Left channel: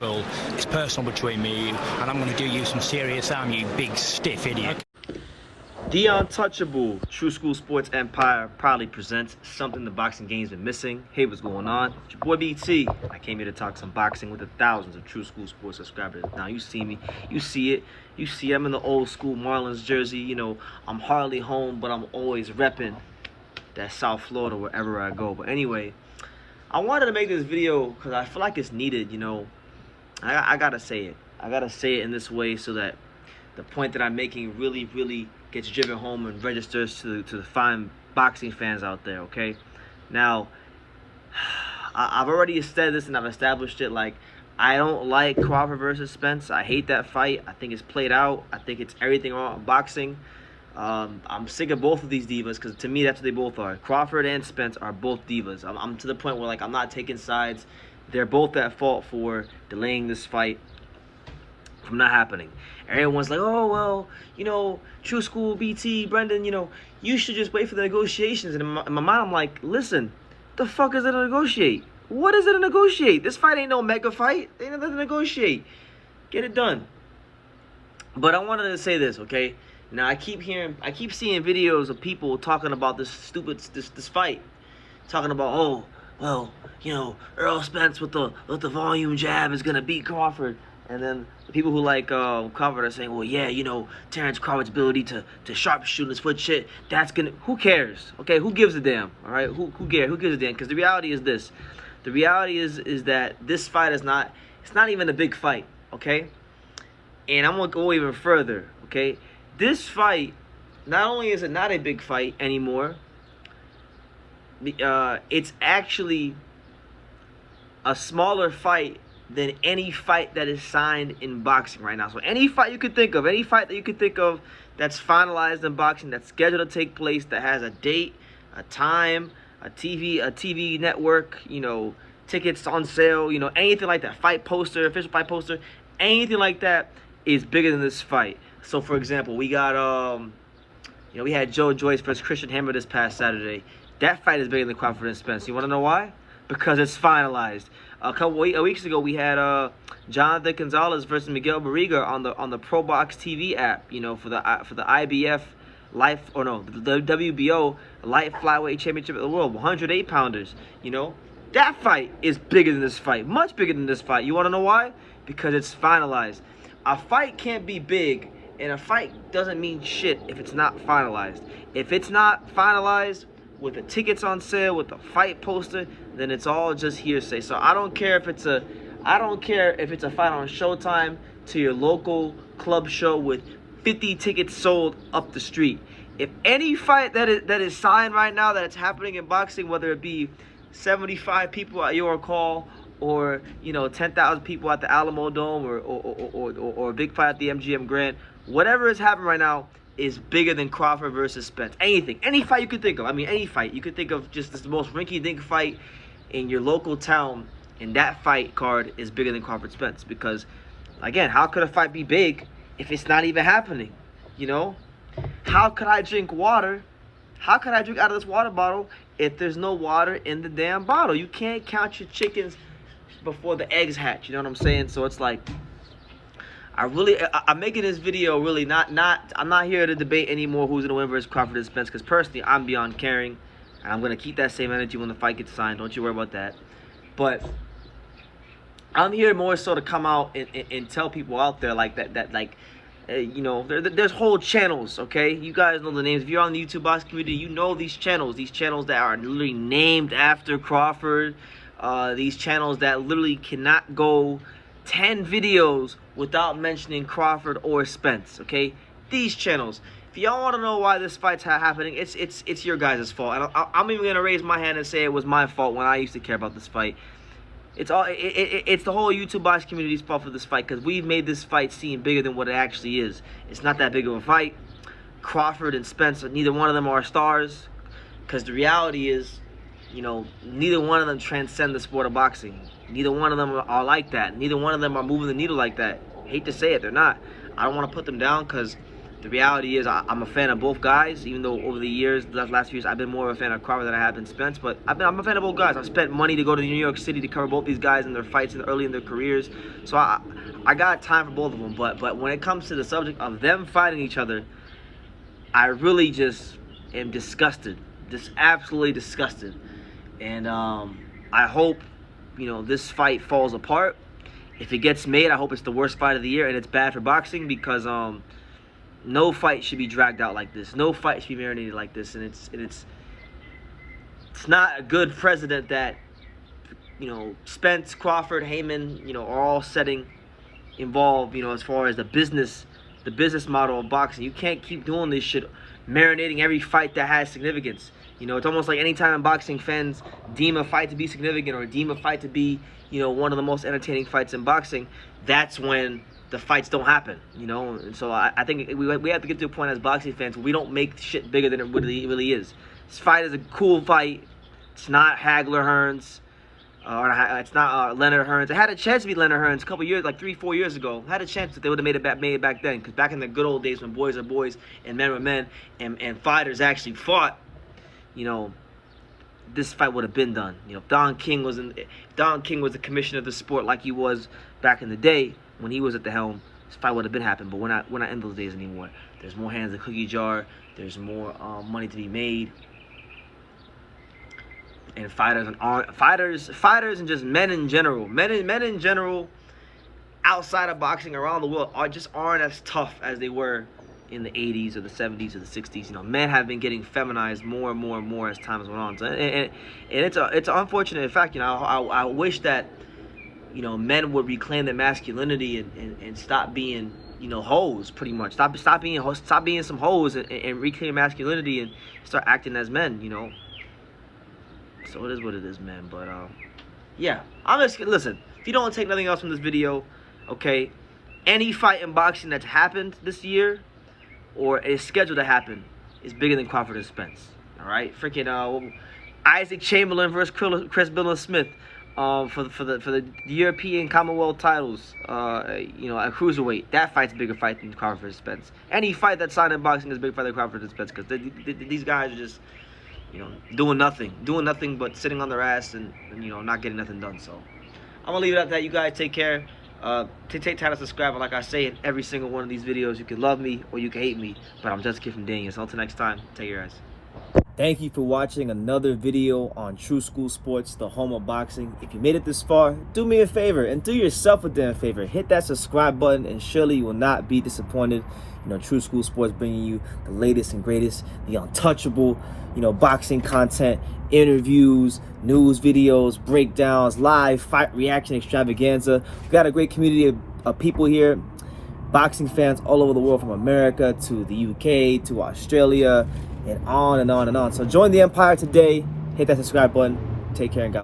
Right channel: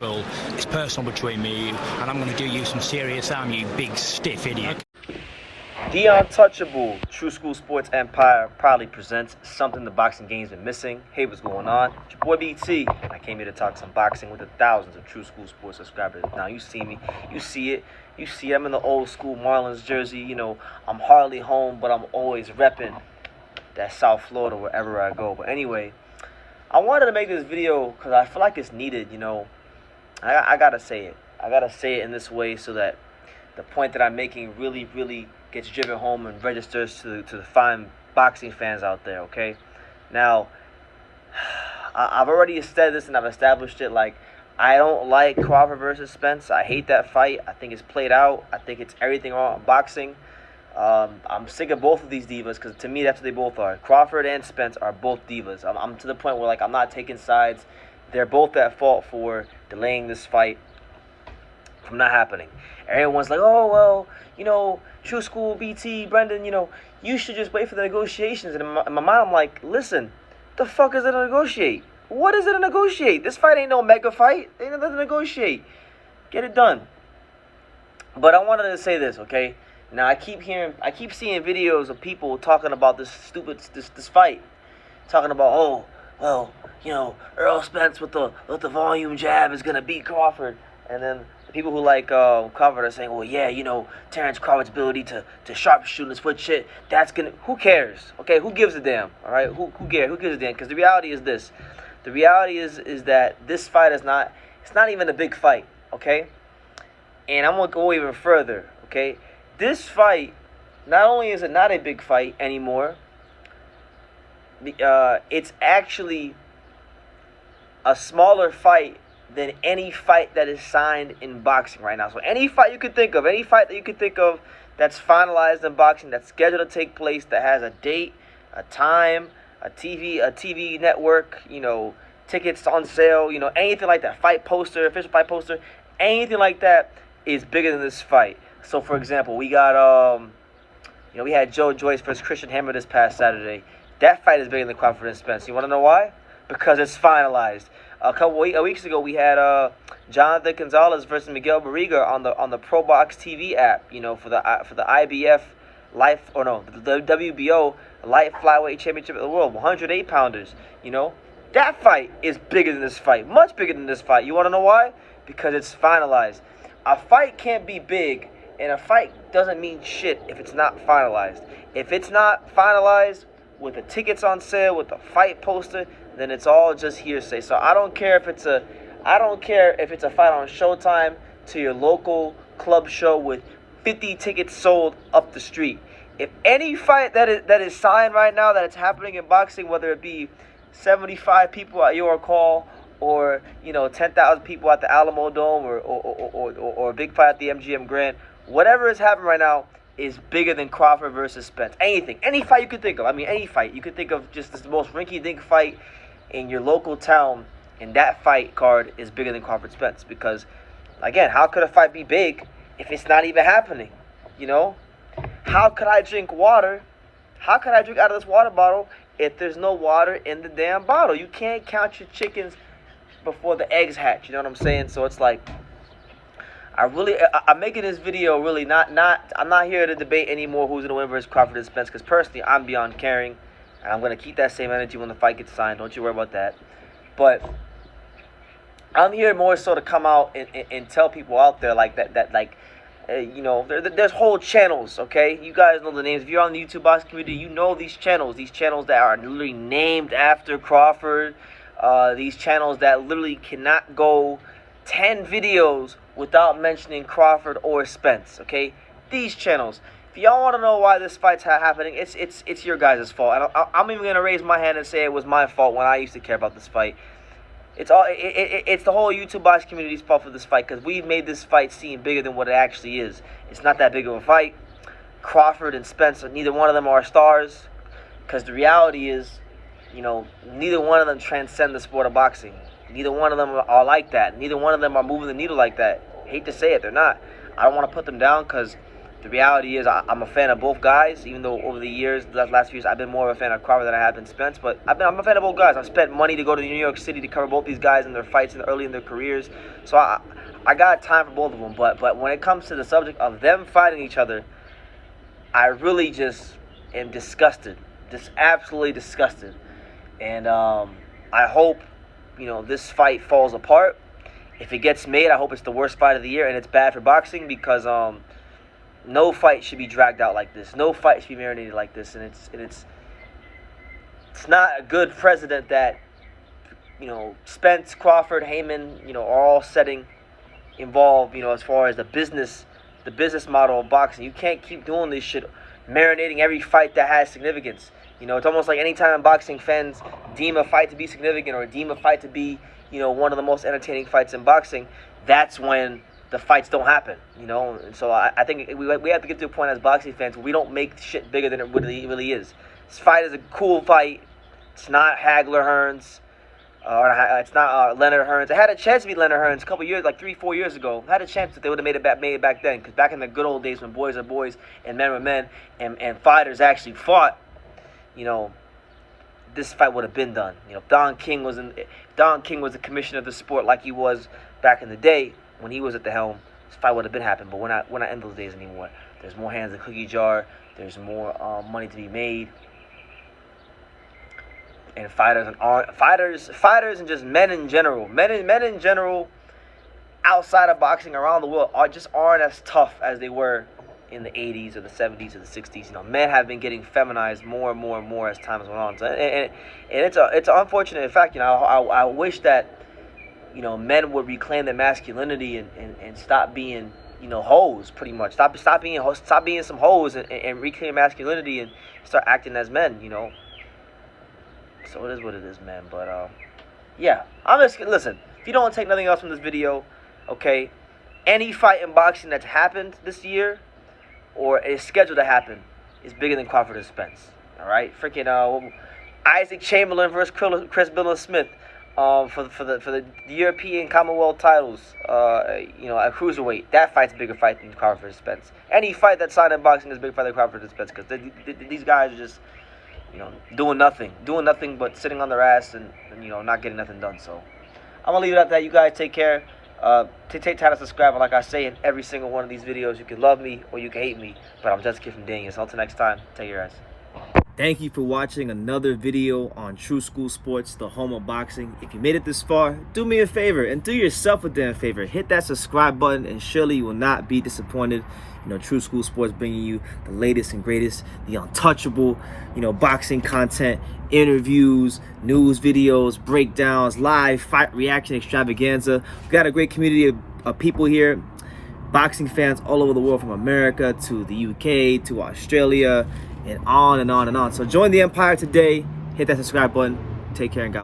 Well, it's personal between me and you, and I'm going to do you some serious harm, you big stiff idiot. The Untouchable True School Sports Empire proudly presents something the boxing game's been missing. Hey, what's going on? It's your boy BT. I came here to talk some boxing with the thousands of True School Sports subscribers. Now, you see me, you see it. You see I'm in the old school Marlins jersey. You know, I'm hardly home, but I'm always repping that South Florida wherever I go. But anyway, I wanted to make this video because I feel like it's needed, you know. I gotta say it. I gotta say it in this way so that the point that I'm making really gets driven home and registers to the fine boxing fans out there, okay? Now, I've already said this and I've established it. Like, I don't like Crawford versus Spence. I hate that fight. I think it's played out. I think it's everything wrong in boxing. I'm sick of both of these divas because to me that's what they both are. Crawford and Spence are both divas. I'm to the point where, like, I'm not taking sides. They're both at fault for delaying this fight from not happening. Everyone's like, oh, well, you know, True School, BT, Brendan, you know, you should just wait for the negotiations. And in my mind, I'm like, listen, the fuck is it to negotiate? What is it to negotiate? This fight ain't no mega fight. Ain't nothing to negotiate. Get it done. But I wanted to say this, okay? Now, I keep seeing videos of people talking about this fight. Talking about, oh, well, you know, Errol Spence with the volume jab is gonna beat Crawford, and then the people who like Crawford are saying, well, yeah, you know, Terence Crawford's ability to sharpshoot and switch shit, that's gonna. Who cares? Okay, who gives a damn? All right, who cares? Who gives a damn? Because the reality is this. The reality is that this fight is not. It's not even a big fight. Okay, and I'm gonna go even further. Okay, this fight, not only is it not a big fight anymore, it's actually a smaller fight than any fight that is signed in boxing right now. So any fight you could think of, any fight that you could think of that's finalized in boxing, that's scheduled to take place, that has a date, a time, a TV network, you know, tickets on sale, you know, anything like that, fight poster, official fight poster, anything like that is bigger than this fight. So, for example, we got, you know, we had Joe Joyce versus Christian Hammer this past Saturday. That fight is bigger than Crawford and Spence. You want to know why? Because it's finalized. A weeks ago, we had Jonathan Gonzalez versus Miguel Barriga on the Pro Box TV app. You know, for the IBF the WBO light flyweight championship of the world, 108 pounders. You know, that fight is bigger than this fight, much bigger than this fight. You want to know why? Because it's finalized. A fight can't be big, and a fight doesn't mean shit if it's not finalized. If it's not finalized with the tickets on sale, with the fight poster, then it's all just hearsay. So I don't care if it's a fight on Showtime to your local club show with 50 tickets sold up the street. If any fight that is signed right now, that it's happening in boxing, whether it be 75 people at your call or, you know, 10,000 people at the Alamo Dome or a big fight at the MGM Grand, whatever is happening right now is bigger than Crawford versus Spence. Anything, any fight you could think of. I mean, any fight. You could think of just the most rinky-dink fight in your local town, and that fight card is bigger than Crawford Spence. Because, again, how could a fight be big if it's not even happening? You know? How could I drink water? How could I drink out of this water bottle if there's no water in the damn bottle? You can't count your chickens before the eggs hatch. You know what I'm saying? So it's like, I'm making this video really I'm not here to debate anymore who's going to win versus Crawford and Spence, because personally, I'm beyond caring, and I'm going to keep that same energy when the fight gets signed. Don't you worry about that. But I'm here more so to come out and tell people out there like that you know, there's whole channels, okay? You guys know the names. If you're on the YouTube boxing community, you know these channels that are literally named after Crawford, these channels that literally cannot go 10 videos without mentioning Crawford or Spence, okay? These channels. If y'all want to know why this fight's happening, it's your guys' fault. And I'm even going to raise my hand and say it was my fault when I used to care about this fight. It's the whole YouTube box community's fault for this fight, because we've made this fight seem bigger than what it actually is. It's not that big of a fight. Crawford and Spence, neither one of them are stars, because the reality is, you know, neither one of them transcend the sport of boxing. Neither one of them are like that. Neither one of them are moving the needle like that. I hate to say it, they're not. I don't want to put them down because The reality is I'm a fan of both guys, even though over the years, the last few years, I've been more of a fan of Crawford than I have been Spence. But I'm a fan of both guys. I've spent money to go to New York City to cover both these guys in their fights early in their careers. So I got time for both of them. But when it comes to the subject of them fighting each other, I really just am disgusted. Just absolutely disgusted. And I hope, this fight falls apart. If it gets made, I hope it's the worst fight of the year, and it's bad for boxing because no fight should be dragged out like this. No fight should be marinated like this, and it's not a good precedent that Spence, Crawford, Heyman, are all setting involved. As far as the business model of boxing, you can't keep doing this shit, marinating every fight that has significance. It's almost like anytime boxing fans deem a fight to be significant or deem a fight to be one of the most entertaining fights in boxing, that's when the fights don't happen, And so I think we have to get to a point as boxing fans where we don't make shit bigger than it really is. This fight is a cool fight. It's not Hagler Hearns. It's not Leonard Hearns. It had a chance to be Leonard Hearns a couple years, like 3-4 years ago. It had a chance that they would have made it back then. Because back in the good old days when boys are boys and men were men and fighters actually fought, this fight would have been done. If Don King was the commissioner of the sport like he was back in the day when he was at the helm, this fight would have been happening. But we're not in those days anymore. There's more hands in the cookie jar. There's more money to be made. And fighters and just men in general, outside of boxing around the world aren't as tough as they were in the 80s or the 70s or the 60s. Men have been getting feminized more and more as time has went on. So, and it's an unfortunate fact. I wish that men would reclaim their masculinity and stop being hoes, pretty much. Stop being some hoes and reclaim masculinity and start acting as men. So it is what it is, man. But yeah, listen. If you don't take nothing else from this video, okay, any fight in boxing that's happened this year or is scheduled to happen is bigger than Crawford and Spence. All right, freaking Isaac Chamberlain versus Chris Smith for the European Commonwealth titles. At cruiserweight, that fight's a bigger fight than Crawford and Spence. Any fight that's signed in boxing is a bigger fight than Crawford and Spence because these guys are just doing nothing but sitting on their ass and not getting nothing done. So I'm gonna leave it at that. You guys take care. Take time to subscribe. And like I say in every single one of these videos, you can love me or you can hate me, but I'm just a kid from Daniel. So until next time, take care, guys. Thank you for watching another video on True School Sports, the home of boxing. If you made it this far, do me a favor and do yourself a damn favor. Hit that subscribe button and surely you will not be disappointed. True School Sports bringing you the latest and greatest, the untouchable, boxing content, interviews, news videos, breakdowns, live fight reaction extravaganza. We've got a great community of people here, boxing fans all over the world, from America to the UK to Australia and on and on and on. So join the empire today. Hit that subscribe button. Take care and God.